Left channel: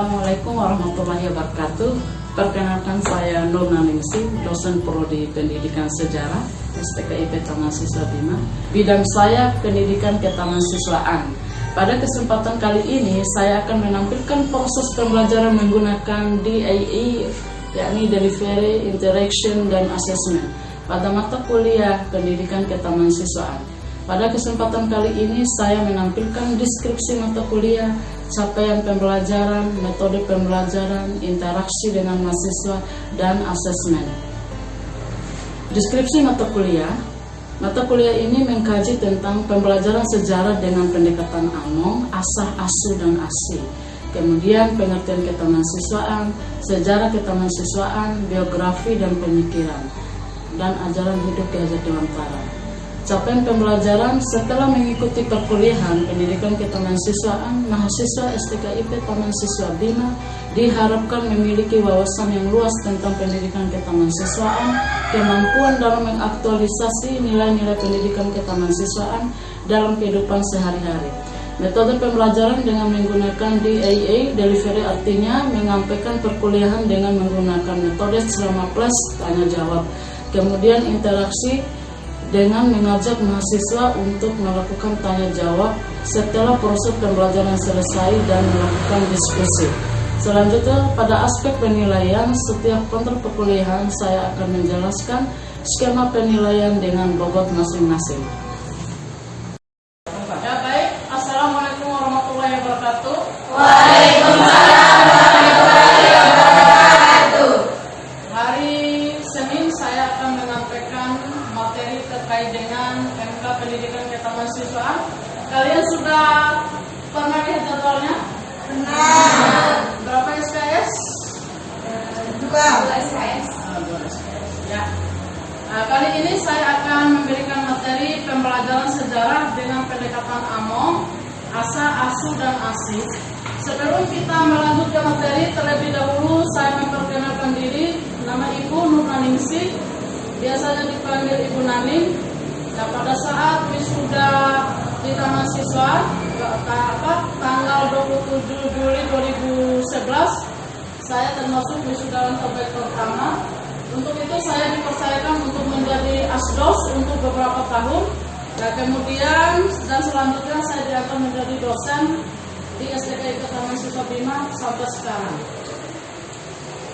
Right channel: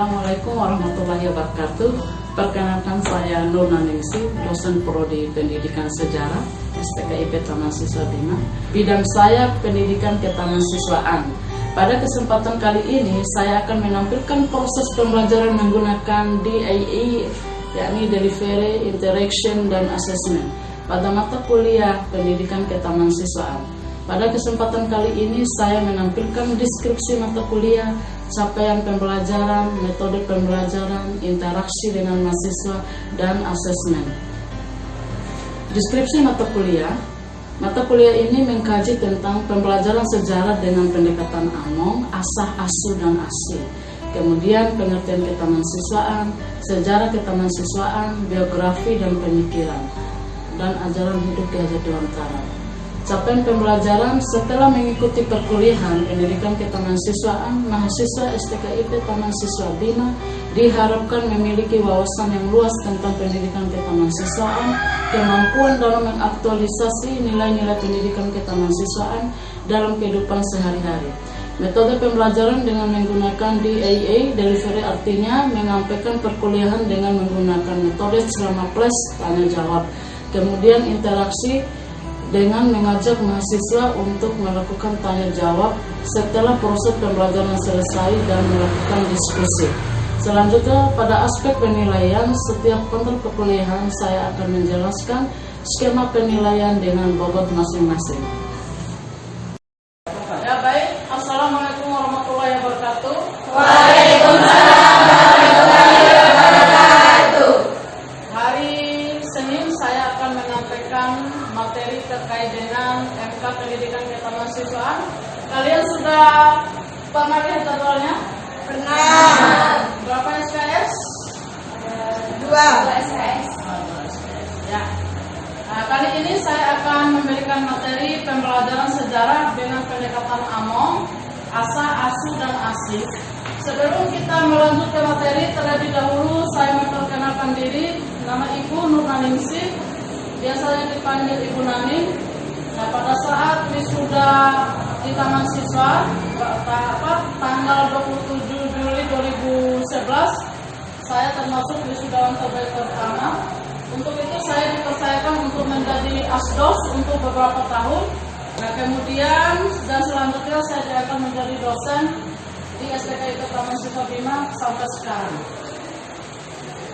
Assalamualaikum warahmatullahi wabarakatuh. Perkenalkan saya Nur Naningsih, dosen Prodi Pendidikan Sejarah STKIP Taman Siswa Bima. Bidang saya pendidikan ketahansiswaan. Pada kesempatan kali ini saya akan menampilkan proses pembelajaran menggunakan DAE, yakni Delivery, Interaction, dan Assessment pada mata kuliah pendidikan ketahansiswaan. Pada kesempatan kali ini saya menampilkan deskripsi mata kuliah, capaian pembelajaran, metode pembelajaran, interaksi dengan mahasiswa, dan asesmen. Deskripsi mata kuliah. Mata kuliah ini mengkaji tentang pembelajaran sejarah dengan pendekatan AMONG, asah, asuh, dan asih. Kemudian pengertian ketahansiswaan, sejarah ketahansiswaan, biografi dan pemikiran, dan ajaran hidup Ki Hajar Dewantara. Capaian pembelajaran setelah mengikuti perkuliahan pendidikan ketahansiswaan, mahasiswa STKIP Taman Siswa Bima diharapkan memiliki wawasan yang luas tentang pendidikan ketahansiswaan, kemampuan dalam mengaktualisasi nilai-nilai pendidikan ketahansiswaan dalam kehidupan sehari-hari. Metode pembelajaran dengan menggunakan DAE, Delivery, artinya menyampaikan perkuliahan dengan menggunakan metode selama plus tanya jawab. Kemudian interaksi dengan mengajak mahasiswa untuk melakukan tanya jawab setelah proses pembelajaran selesai dan melakukan diskusi. Selanjutnya pada aspek penilaian, setiap kontrak perkuliahan saya akan menjelaskan skema penilaian dengan bobot masing-masing. Ya baik, Assalamualaikum warahmatullahi wabarakatuh. Waalaikumsalam warahmatullahi wabarakatuh. Hari Senin saya akan menyampaikan materi terkait dengan MK Pendidikan Ketahansiswaan. Kalian sudah pernah lihat jadwalnya? Pernah. Berapa SKS? 2 SKS. 2 SKS. Ya. Nah, kali ini saya akan memberikan materi pembelajaran sejarah dengan pendekatan AMONG, asah, asuh, dan asih. Sebelum kita melanjutkan materi, terlebih dahulu saya memperkenalkan diri. Nama Ibu Nur Naningsih, biasanya dipanggil Ibu Naning. Nah, pada saat wisuda di Taman Siswa tanggal 27 Juli 2011, saya termasuk wisudawan terbaik pertama. Untuk itu saya dipercayakan untuk menjadi asdos untuk beberapa tahun. Nah, kemudian dan selanjutnya saya diangkat menjadi dosen di STKIP Taman Siswa Bima sampai sekarang.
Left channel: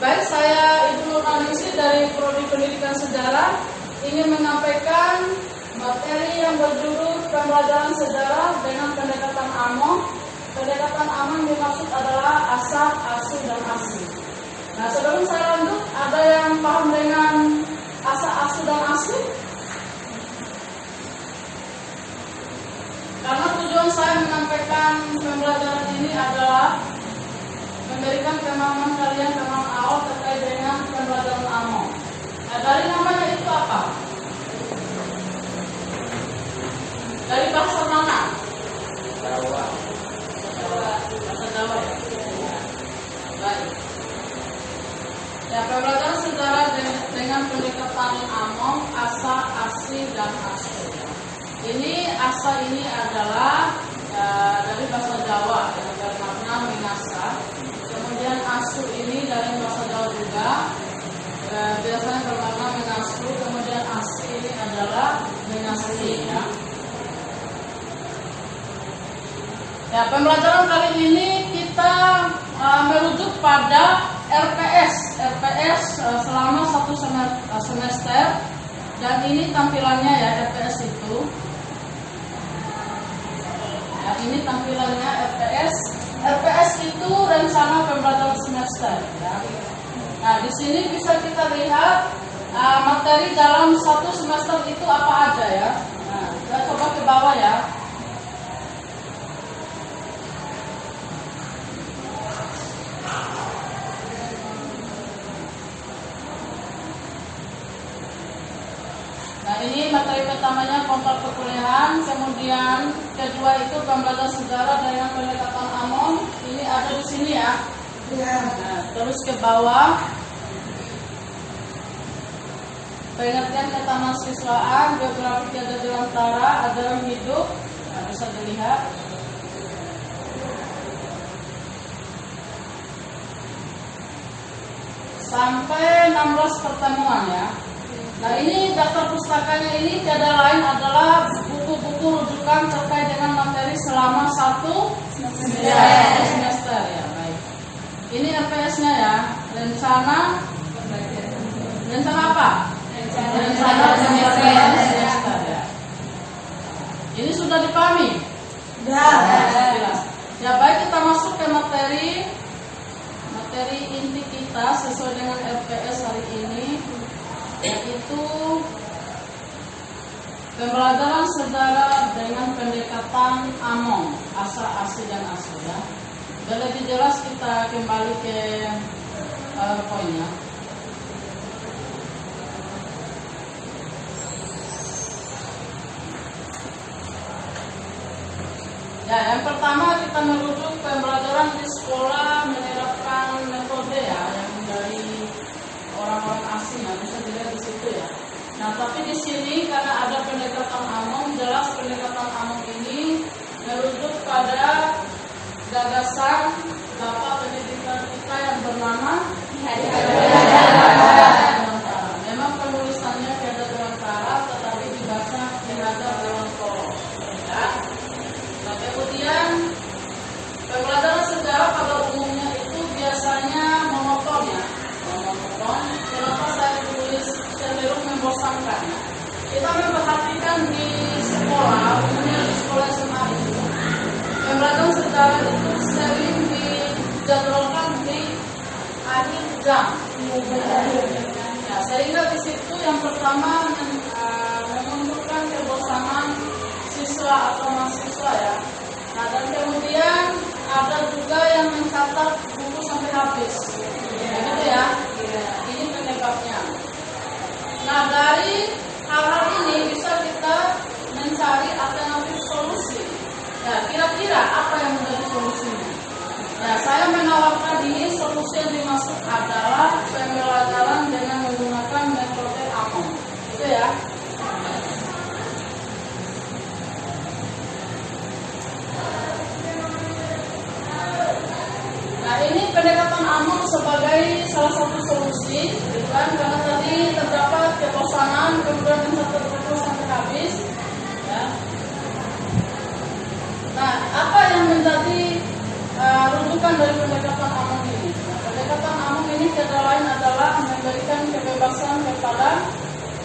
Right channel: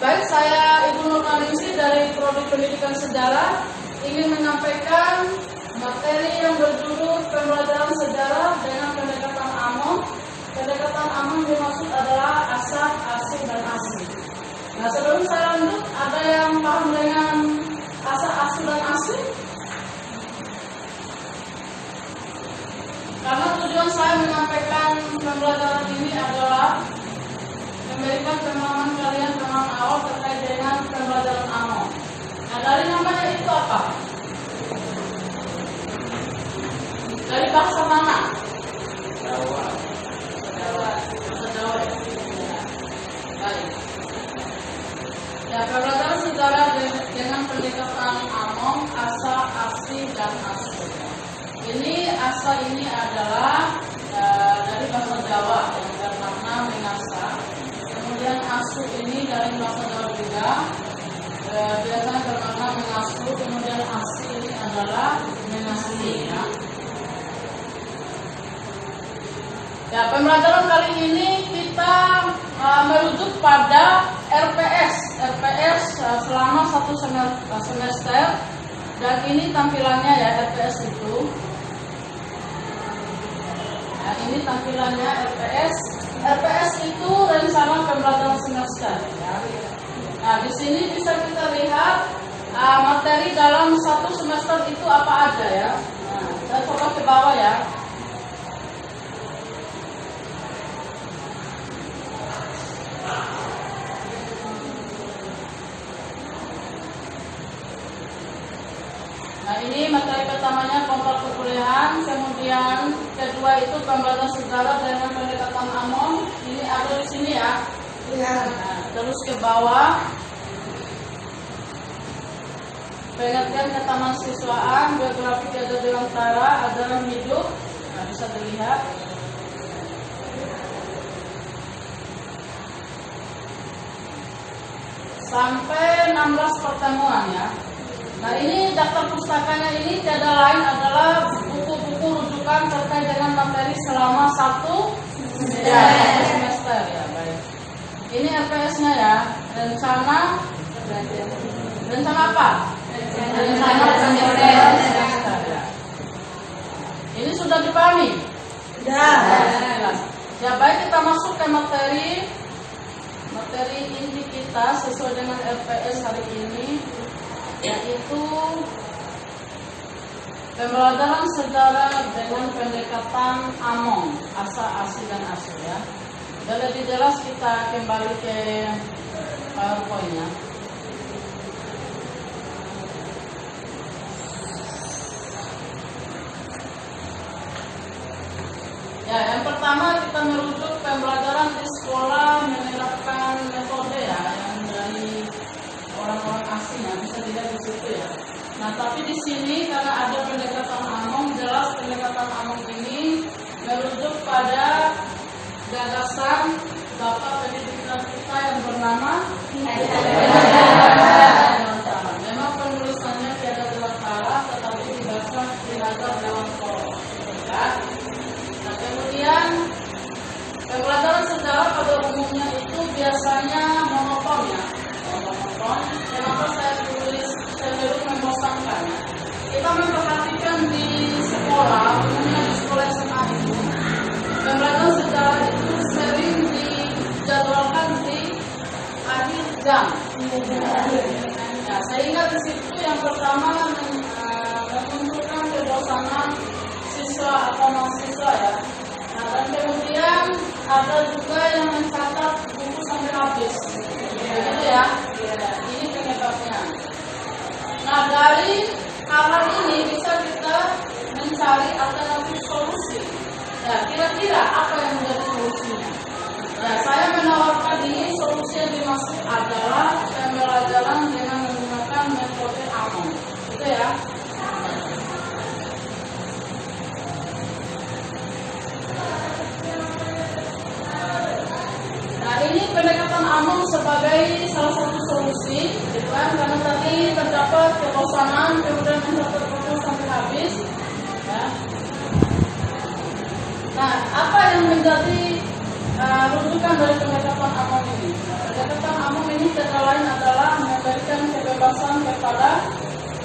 Baik, saya Ibu Nur Naningsih dari Prodi Pendidikan Sejarah ingin menyampaikan materi yang berjudul pembelajaran sejarah dengan pendekatan AMONG. Pendekatan AMONG dimaksud adalah asah, asuh, dan asih. Nah, sebelum saya lanjut, ada yang paham dengan asah, asuh, dan asih? Karena tujuan saya menyampaikan pembelajaran ini adalah memberikan pemahaman kalian, pemahaman awal terkait dengan pembelajaran AMONG. Nah, dari namanya itu apa? Dari bahasa mana? Jawa. Bahasa Jawa ya? Baik. Ya, pembelajaran sejarah dengan pendekatan AMONG, asah, asih, dan asuh. Ini asah ini adalah dari bahasa Jawa yang bermakna mengasah. Kemudian asuh ini dari bahasa Jawa juga biasanya bermakna mengasuh. Kemudian asih ini adalah mengasihi. Ya, pembelajaran kali ini kita merujuk pada RPS selama 1 semester, dan ini tampilannya ya RPS itu. Nah, ini tampilannya RPS. RPS itu rencana pembelajaran semester. Ya. Nah, di sini bisa kita lihat materi dalam 1 semester itu apa aja ya. Nah, kita coba ke bawah ya. Nah, ini materi pertamanya kontrak perkuliahan, kemudian kedua itu pembelajaran sejarah dengan pendekatan AMONG. Ini ada di sini ya. Nah, terus ke bawah pengertian ketahansiswaan, biografi Ki Hajar Dewantara, ajaran hidup. Nah, bisa dilihat. sampai 16 pertemuan ya. Nah ini daftar pustakanya ini tiada lain adalah buku-buku rujukan terkait dengan materi selama satu semester ya. Baik. Ini RPS-nya ya. Rencana apa? Rencana pembelajaran semester ya. Ini sudah dipahami? Sudah. Jelas. Ya baik, kita masuk ke materi inti kita sesuai dengan RPS hari ini, yaitu pembelajaran sejarah dengan pendekatan AMOM, asa, asi, dan asu ya. Dan lebih jelas kita kembali ke PowerPoint-nya. Ya, yang pertama kita merujuk pembelajaran di sekolah menerapkan metode ya, yang dari orang-orang asing ya, bisa dilihat di situ ya. Nah, tapi di sini karena ada pendekatan AMOM, jelas pendekatan AMOM ini merujuk pada gagasan Bapak pendidikan kita yang bernama Dewantara. Memang penulisannya tiada Dewantara, tetapi dibaca Ki-Hajar Dewantara. Ya. Nah, kemudian pembelajaran sejarah pada umumnya itu biasanya monoton ya, kenapa saya tulis cenderung membosankan ya. Kita memperhatikan di sekolah, umumnya di sekolah SMA itu pembelajaran sejarah itu sering dijadwalkan di akhir jam ya, sehingga di situ yang pertama memunculkan kebosanan siswa atau mahasiswa ya. Nah, dan kemudian ada juga yang mencatat buku sampai habis. Begitu ya. Ini penyebabnya. Nah, dari hal ini bisa kita mencari alternatif solusi. Ya, kira-kira apa yang menjadi solusinya? Ya, saya menawarkan ini solusi yang dimaksud adalah pembelajaran dengan menggunakan metode AMOM. Itu ya. Ini pendekatan AMOM sebagai salah satu solusi, bukan karena tadi terdapat kebosanan, kemudian mencatat buku sampai habis. Ya. Nah, apa yang menjadi rujukan dari pendekatan AMOM ini? Nah, pendekatan AMOM ini kata lain adalah memberikan kebebasan kepada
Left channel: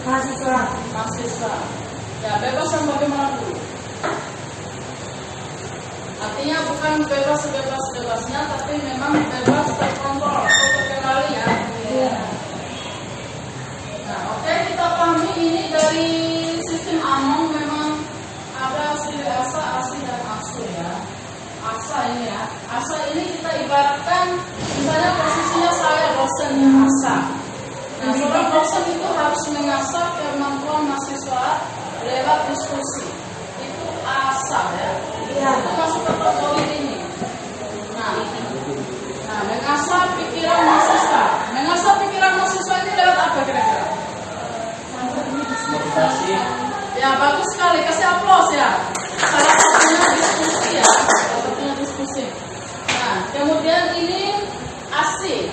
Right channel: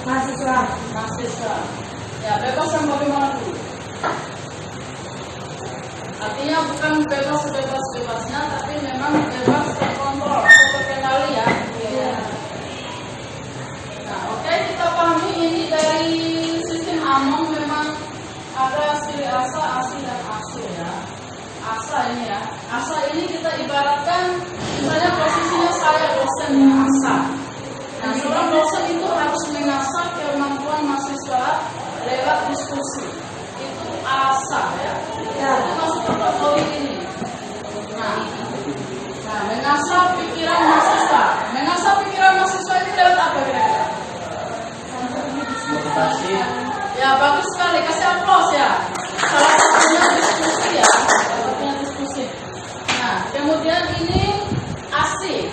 mahasiswa. Ya, bebas yang bagaimana dulu? Artinya bukan bebas sebebas-bebasnya, tapi memang bebas terkontrol atau terkendali ya. Nah, oke, kita pahami ini dari sistem AMOM memang ada ciri asa, asi, dan asu ya. Asa ini ya. Asa ini kita ibaratkan misalnya posisinya saya dosen ya, asa. Nah, seorang dosen itu harus mengasah kemampuan mahasiswa lewat diskusi. Itu asa ya. Itu masuk kategori ini. Nah, mengasah pikiran mahasiswa. Mengasah pikiran mahasiswa ini lewat apa kira-kira? Motivasi. Ya, bagus sekali. Kasih aplaus ya. Salah satunya diskusi ya. Salah satunya diskusi. Nah, kemudian ini asi.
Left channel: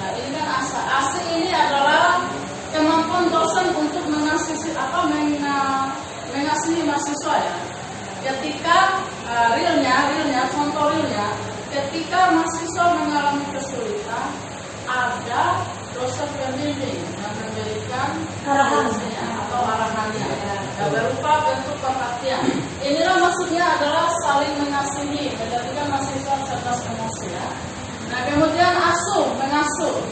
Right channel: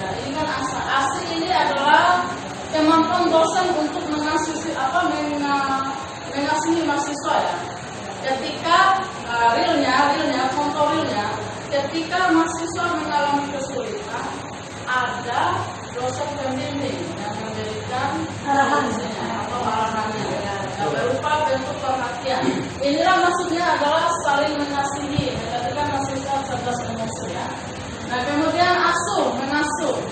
Ya, ini kan asa. Asi ini adalah kemampuan dosen untuk mengasihi mahasiswa ya. Ketika contoh realnya, ketika mahasiswa mengalami kesulitan, ada dosen pembimbing yang memberikan arahannya atau arahannya ya, berupa bentuk perhatian. Inilah maksudnya adalah saling mengasihi, menjadikan mahasiswa cerdas emosi ya. Nah, kemudian mengasuh.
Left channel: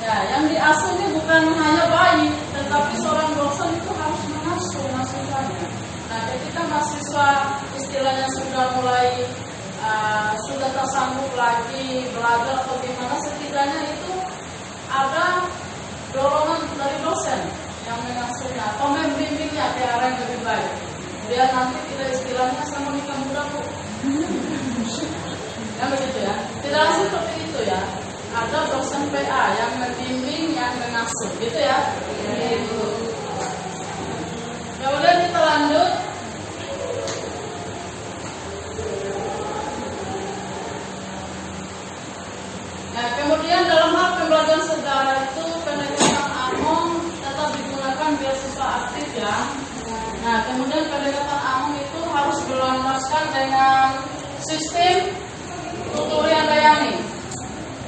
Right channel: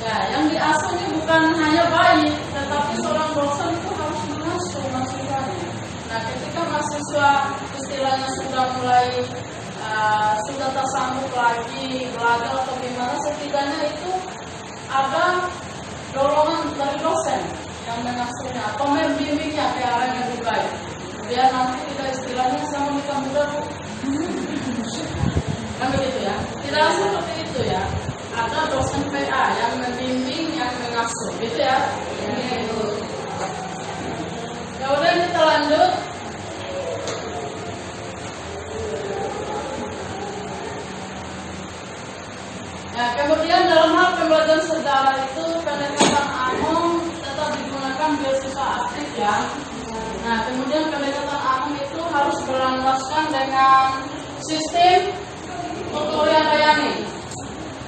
Ya, yang diasuh ini bukan hanya bayi, tetapi seorang dosen itu harus mengasuh mahasiswanya. Nah, ketika mahasiswa istilahnya sudah mulai sudah tersambung lagi belajar atau gimana, setidaknya itu ada dorongan dari dosen yang mengasuhnya atau membimbingnya ke arah yang lebih baik. Biar nanti tidak istilahnya sama nikah muda bu. Kan begitu ya. Tidak langsung seperti itu ya. Ada dosen PA yang membimbing, yang mengasuh, gitu ya. Kemudian kita lanjut. Ya, kemudian dalam hal pembelajaran kan? Nah, kemudian pendekatan Among itu harus berlandaskan dengan sistem Tuturi Handayani.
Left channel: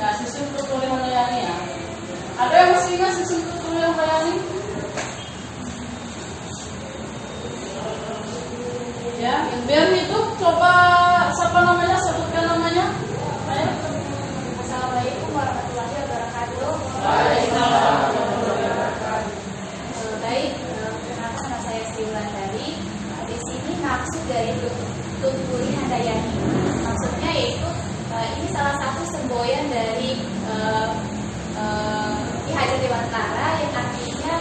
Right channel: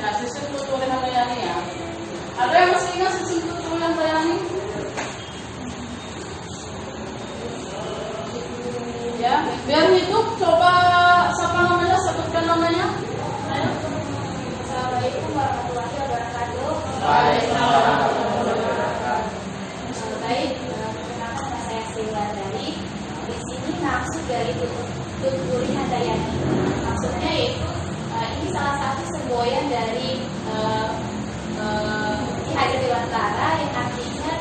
Nah, sistem Tuturi Handayani ya. Ada yang masih ingat sistem Tuturi Handayani? Ya, biar itu coba siapa namanya, sebutkan namanya. Ayo. Assalamualaikum warahmatullahi wabarakatuh. Baik, perkenalkan nama saya Sri Wulandari. Di sini maksud dari Tuturi Handayani. Maksudnya yaitu ini salah satu semboyan dari Ki Hajar Dewantara yang artinya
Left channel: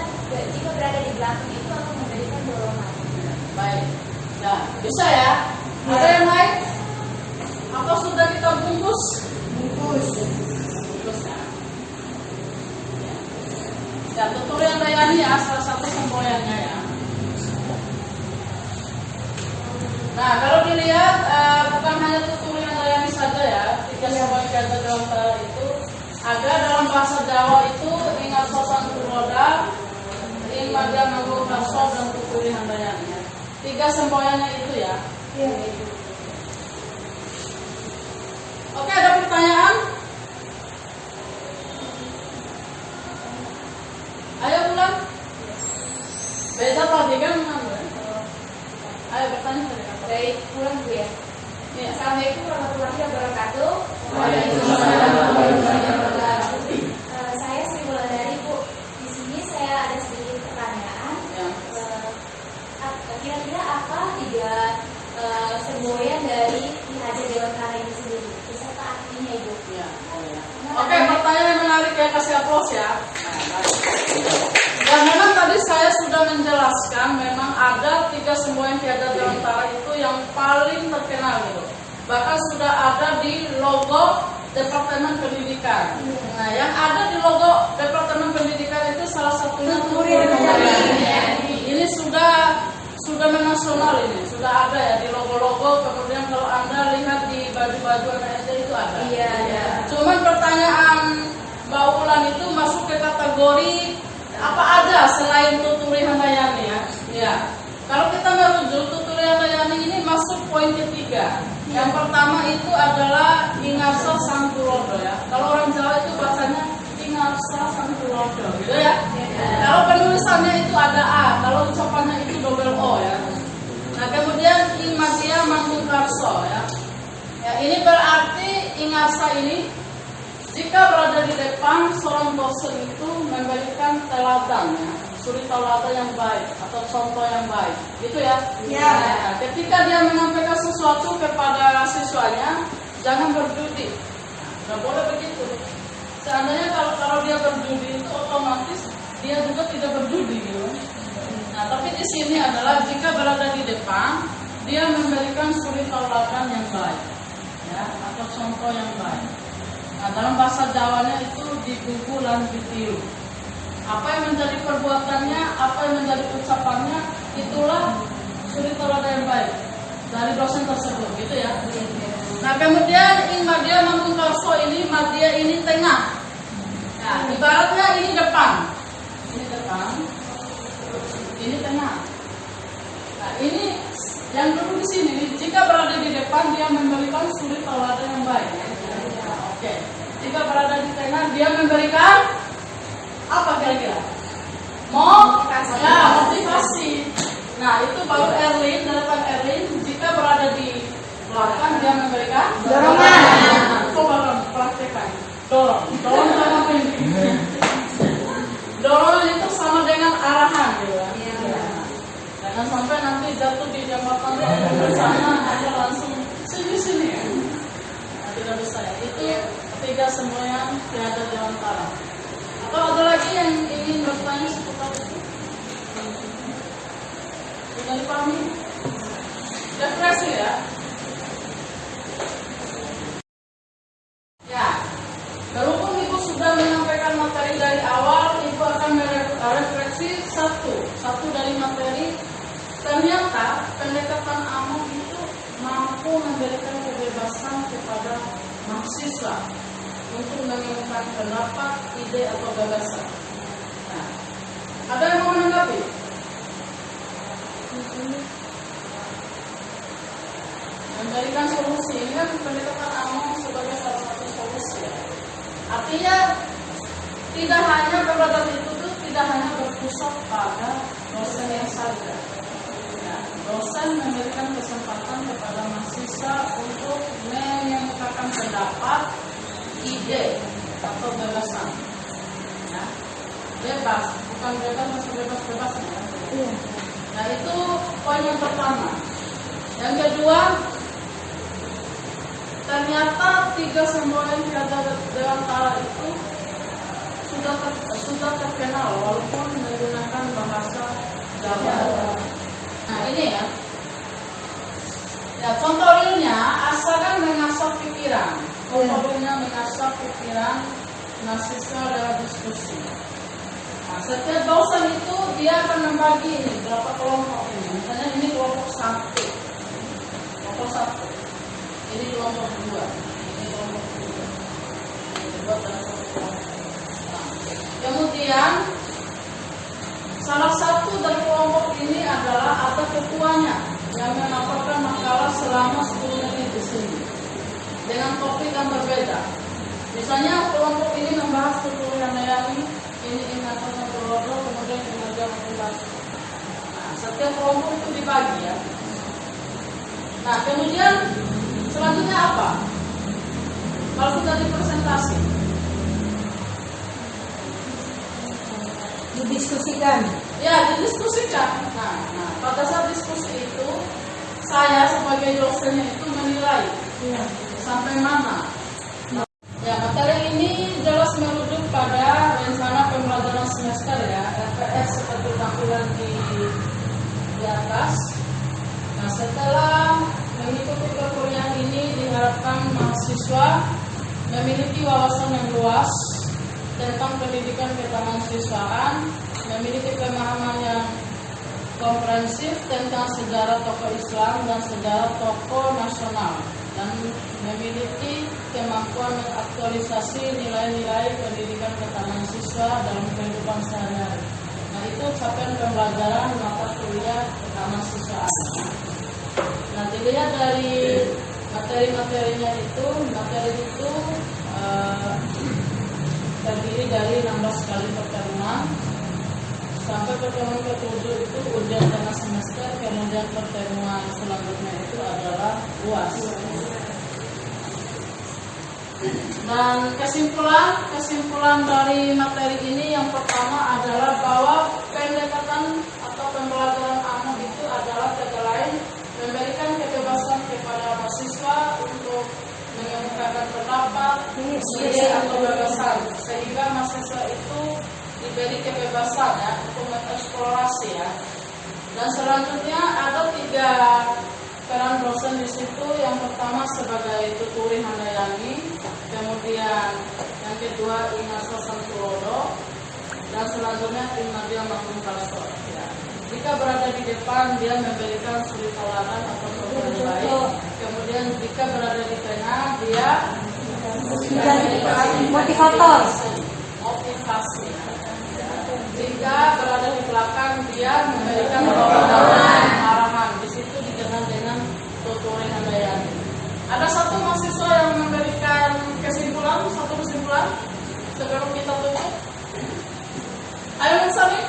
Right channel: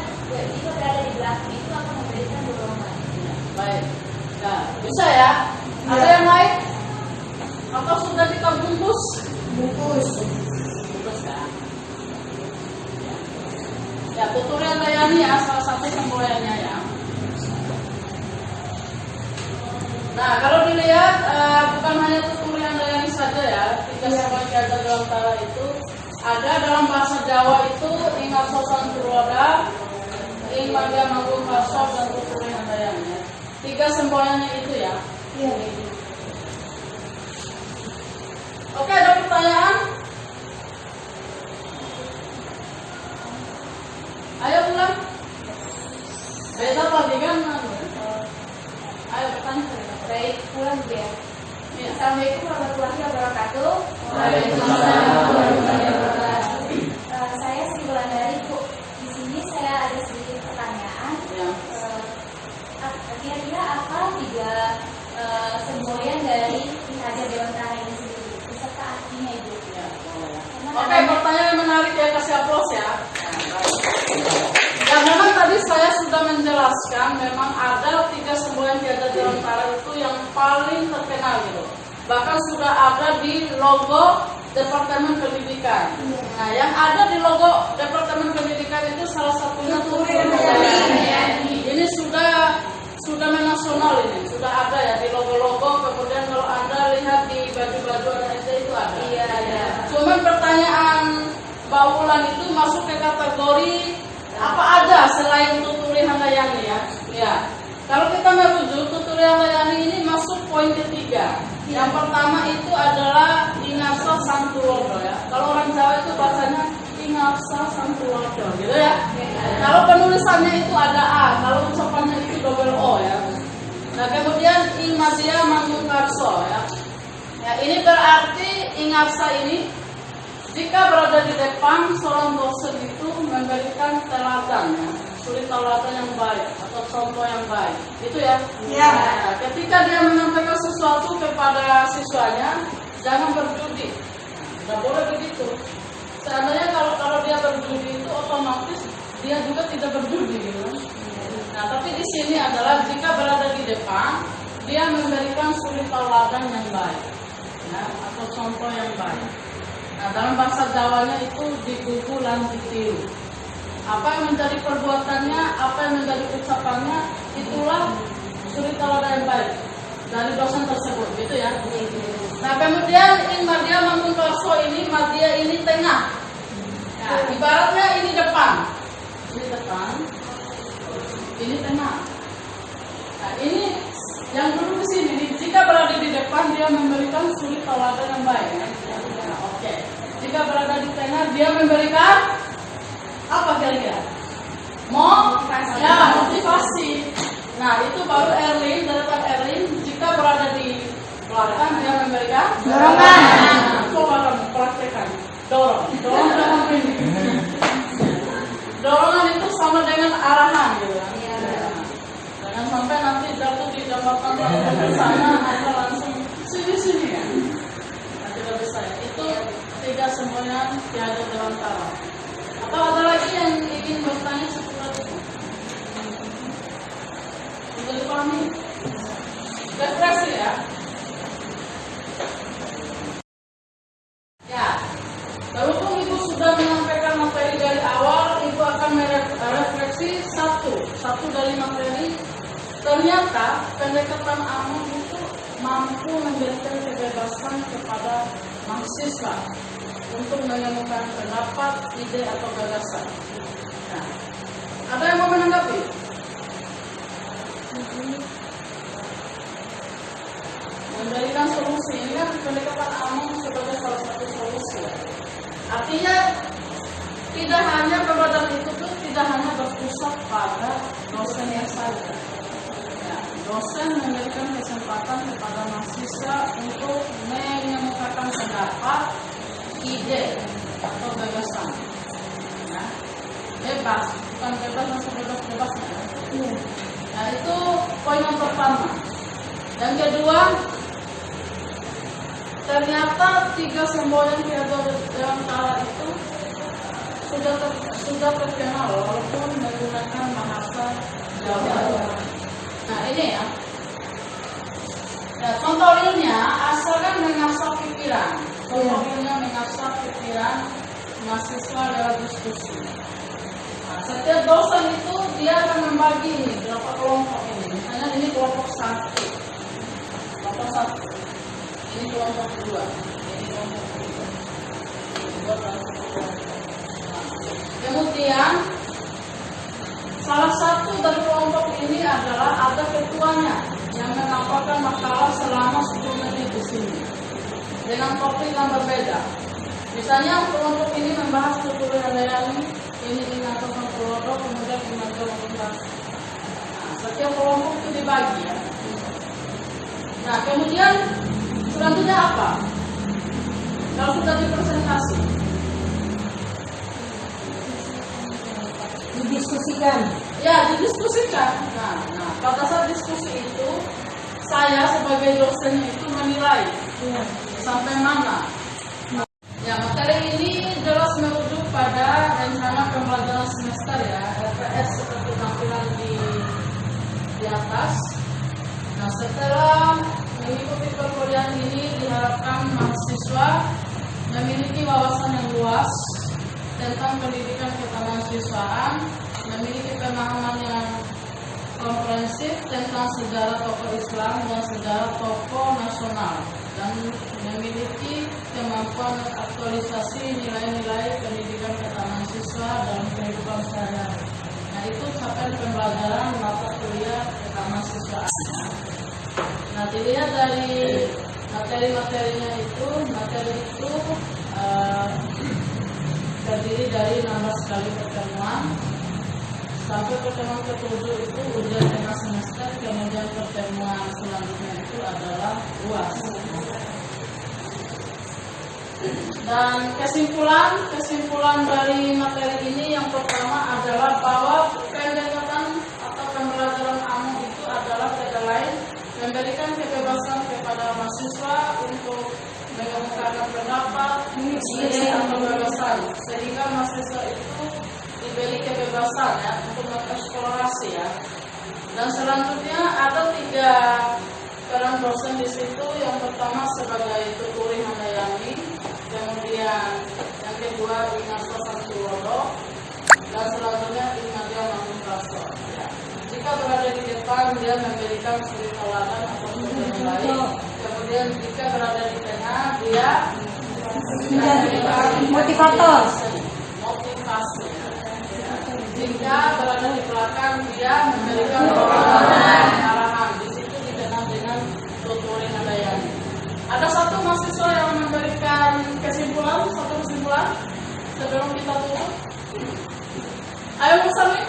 jika berada di belakang itu akan memberikan dorongan. Baik. Nah, bisa ya? Ada yang lain? Atau sudah kita bungkus? Bungkus ya. Ya, Tuturi Handayani ya, salah satu semboyannya ya. Nah, kalau dilihat bukan hanya Tuturi Handayani saja ya, 3 semboyan Ki Hajar Dewantara itu ada dalam bahasa Jawa itu Ingat Sosan Turoda, Ing Madya Manggung Karso dan Tuturi Handayani ya. 3 semboyannya itu ya. Iya. Oke, ada pertanyaan? Ayo ulang. Beda lagi kan? Ayo bertanya. Baik, pulang dulu ya. Iya. Assalamualaikum warahmatullahi wabarakatuh. Saya Sri Wulandari, Bu. Di sini saya ada sedikit pertanyaan. Ya. Kira-kira apa 3 semboyan dari Ki Hajar Dewantara ini sendiri? Beserta artinya, Ibu. Ya. Oke, pertanyaan menarik ya, kasih aplaus ya. Ya, memang tadi saya sudah menjelaskan memang ada 3 semboyan Ki Hajar Dewantara itu yang paling terkenal gitu. Bahkan sudah ada di logo Departemen Pendidikan. Nah, yang ada di logo Departemen Pendidikan itu salah satunya Tuturi Handayani. Ini sudah menasional, ini sudah ada ya di logo-logo. Kemudian kalau Anda lihat di baju-baju anak SD itu ada. Iya, ada. Cuman pertanyaan Mbak Ulan itu masuk ke kategori apa aja selain Tuturi Handayani ya? Ya. Kalau kita merujuk Tuturi Handayani ini masuk poin ketiga. Yang pertama itu adalah Ingarsa Samtulodo ya. Kalau orang Jawa itu bacanya Ingarsa Samtulodo gitu ya. Kalau penulisannya itu ada A, kalau ucapannya itu double O ya. Nah, kemudian Ing Madya Manggung Karso ya. Ya, ini berarti Ingarsa ini jika berada di depan seorang dosen itu memberikan teladan ya, suri teladan yang baik atau contoh yang baik, gitu ya. Ya. Nah, ketika dia menyampaikan sesuatu kepada siswanya, jangan berjudi. Nggak boleh begitu. Seandainya kalau dia berjudi itu otomatis dia juga tidak berjudi gitu. Nah, tapi di sini adalah jika berada di depan, dia memberikan suri teladan yang baik, ya, atau contoh yang baik. Nah, dalam bahasa Jawanya itu digugu lan ditiru. Apa yang menjadi perbuatannya, apa yang menjadi ucapannya, itulah suri teladan yang baik dari dosen tersebut, gitu ya. Nah, kemudian Ing Madya Manggung Karso ini, Madya ini tengah. Nah, ibaratnya ini depan, ini tengah. Nah, ini yang dulu di sini, jika berada di depan dia memberikan suri teladan yang baik. Oke. Jika berada di tengah dia memberikan apa kira-kira? Motivasi. Nah, itu baru Erlin, deretan Erlin. Jika berada di belakang dia memberikan dorongan. Coba kamu praktekkan. Dorong sama ini. Dorongan itu sama dengan arahan gitu kan. Jangan sampai nanti jatuh di jembatan bersama atau langsung sini kan. Nah, tidak bisa ya. Itu 3 semboyan Ki Hajar Dewantara. Atau ada lagi yang ingin bertanya seputar itu? Sudah dipahami? Depresi ya? Ya. Berhubung Ibu sudah menyampaikan materi dari awal, Ibu akan merefleksi satu dari materi. Ternyata pendekatan Among itu mampu memberikan kebebasan kepada mahasiswa untuk mengemukakan pendapat, ide atau gagasan. Nah, ada yang mau menanggapi? memberikan solusi. Ini kan pendekatan Among sebagai salah satu solusi. Artinya tidak hanya pembelajaran itu tuh tidak hanya berpusat pada dosen yang saja. Ya, dosen memberikan kesempatan kepada mahasiswa untuk mengemukakan pendapat, ide atau gagasan. Ya, bebas, bukan bebas masih bebas-bebasnya. Ya. Nah itu poin yang pertama. Yang kedua, ternyata 3 semboyan Ki-Hajar Dewantara itu sudah terkenal walaupun menggunakan bahasa Jawa. Nah ini ya. Ya contoh realnya asalkan mengasah pikiran. Contoh realnya mengasah pikiran mahasiswa dalam diskusi. Nah, setiap dosen itu dia akan membagi ini berapa kelompok ini. Misalnya ini kelompok 1. Kelompok 1. Ini kelompok 2. Ini kelompok 3. Buat dan kelompok. Kemudian salah satu dari kelompok ini adalah ada ketuanya yang menyampaikan makalah selama 10 menit di sini dengan topik yang berbeda. Misalnya kelompok ini membahas Tuturi Handayani, ini atau Santoso, kemudian Kinerja Motivasi. Nah, setiap kelompok itu dibagi ya. Nah kemudian selanjutnya apa? Kalau sudah dipresentasi, didiskusikan. Ya, didiskusikan. Nah, pada saat diskusi itu saya sebagai dosennya itu menilai sampai mana. Ya, materi ini jelas merujuk pada rencana pembelajaran semester ya, RPS seperti tampilan di atas. Nah, setelah mengikuti perkuliahan ini diharapkan mahasiswa memiliki wawasan yang luas tentang pendidikan kemahasiswaan, memiliki pemahaman yang komprehensif tentang sejarah tokoh Islam dan sejarah tokoh nasional, dan memiliki kemampuan mengaktualisasi nilai-nilai pendidikan kemahasiswa dalam kehidupan sehari-hari. Nah itu capaian pembelajaran mata kuliah kemahasiswaan. Nah dilihat dari materi-materinya itu, materi itu terdiri dari 16 kali pertemuan. Sampai pertemuan ke-7 itu ujian tengah semester, kemudian pertemuan selanjutnya itu adalah UAS. Dan kesimpulan dari materi ini yang pertama adalah bahwa pendekatan atau pembelajaran Among itu adalah kata lain memberikan kebebasan kepada mahasiswa untuk mengemukakan pendapat, ide atau gagasan, sehingga mahasiswa itu diberi kebebasan ya untuk mengeksplorasi ya. Dan selanjutnya ada 3 peran dosen di situ. Yang pertama sebagai Tuturi Handayani, kemudian yang kedua Inasa Santoso, dan selanjutnya Kinerja Motivasi. Ya. Jika berada di depan dia memberikan suri tauladan atau contoh yang baik. Kemudian jika berada di tengah dia motivator. Motivasi. Ya. Jika berada di belakang dia memberikan arahan. Di situ dikenal dengan Tuturi Handayani. Ada satu mahasiswa yang memberikan kesimpulan sebelum kita tutup. Ayo Musami.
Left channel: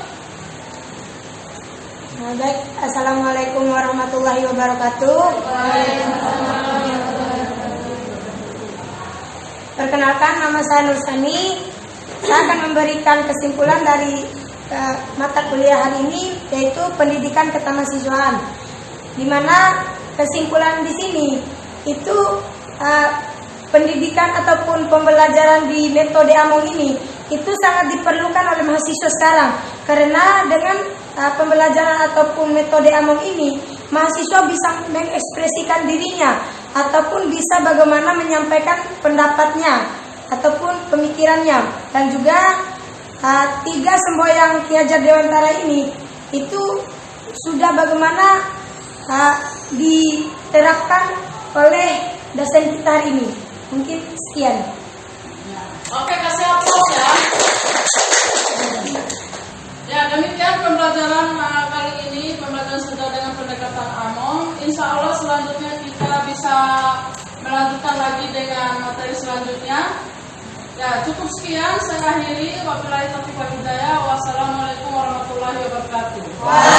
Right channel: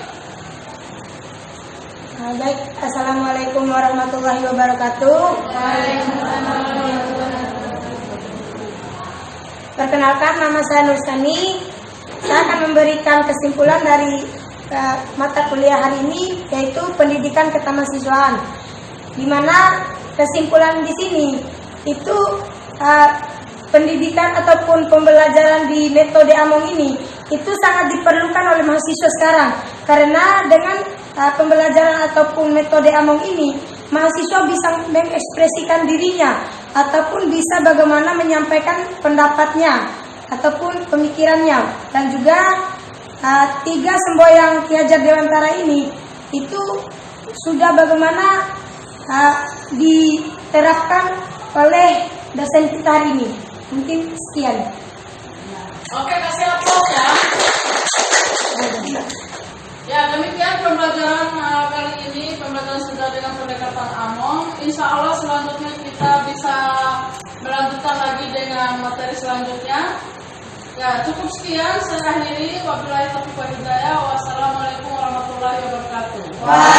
Baik, assalamualaikum warahmatullahi wabarakatuh. Perkenalkan, nama saya Nursani. Saya akan memberikan kesimpulan dari mata kuliah hari ini, yaitu pendidikan ketamahasiswaan. Di mana kesimpulan di sini itu pendidikan ataupun pembelajaran di metode Among ini itu sangat diperlukan oleh mahasiswa sekarang, karena dengan pembelajaran ataupun metode Among ini mahasiswa bisa mengekspresikan dirinya ataupun bisa bagaimana menyampaikan pendapatnya ataupun pemikirannya. Dan juga 3 semboyan Ki-Hajar Dewantara ini itu sudah bagaimana diterapkan oleh dosen kita hari ini. Mungkin sekian. Oke, kasih aplaus ya. Ya, demikian pembelajaran kali ini, pembelajaran sejarah dengan selanjutnya kita bisa melanjutkan lagi dengan materi selanjutnya. Ya, cukup sekian, saya akhiri. Wabillahi taufiq wal hidayah. Wassalamualaikum warahmatullahi wabarakatuh.